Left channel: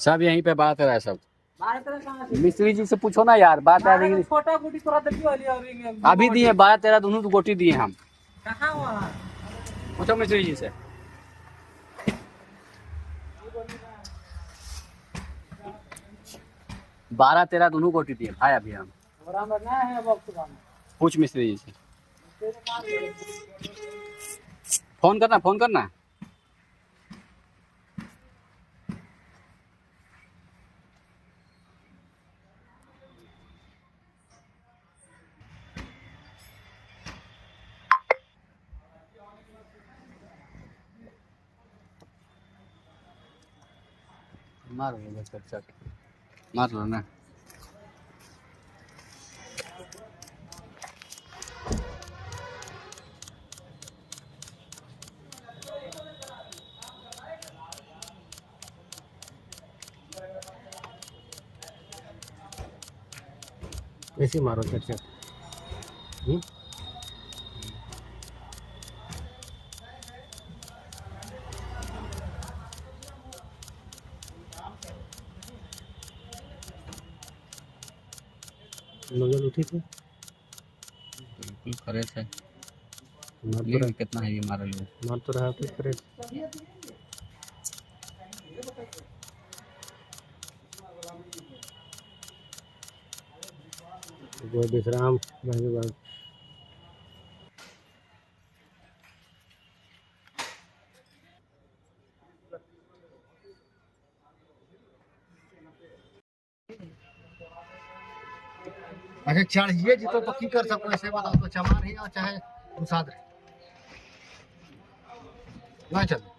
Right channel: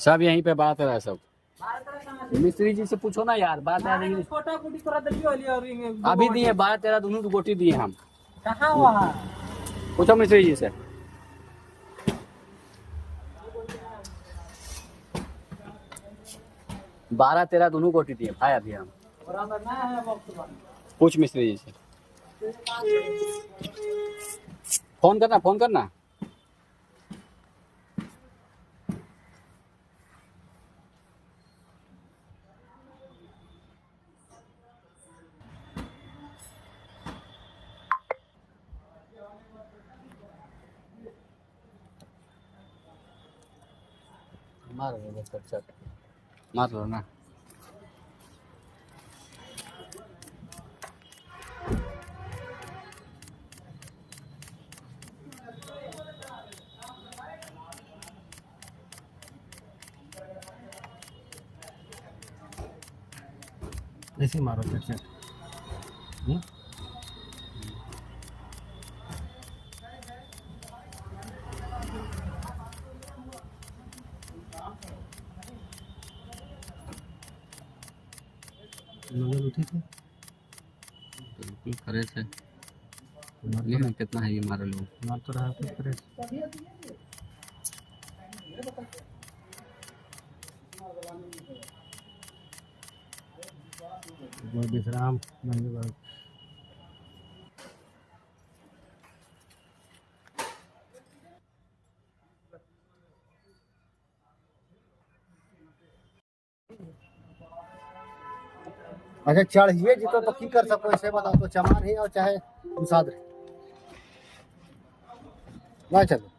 सब यहीं पे बात है सब। मिस्त्री जी से पूछो ना यार, बात आ रही। अभी दिए 12-13 दोनों तो गोटी दिए हम। पूछो मिस्त्री जी से। 12-13 दोनों गोटी दिए भाई अभी हम। पूछ मिस्त्री जी से। फोन करना, फोन करना। मारो मार लो ना। ऐसे मारो चट। नजर उठी थी बिल्कुल फ्रेश है। ये कितना है ये मारे लोग। मार तो रहा था फ्रेश। जो विश्राम भाई। अच्छा चढ़िए जी तो की कर सको ऐसे बताओ तो चमान ही और चाहे मुसाद ना चलो।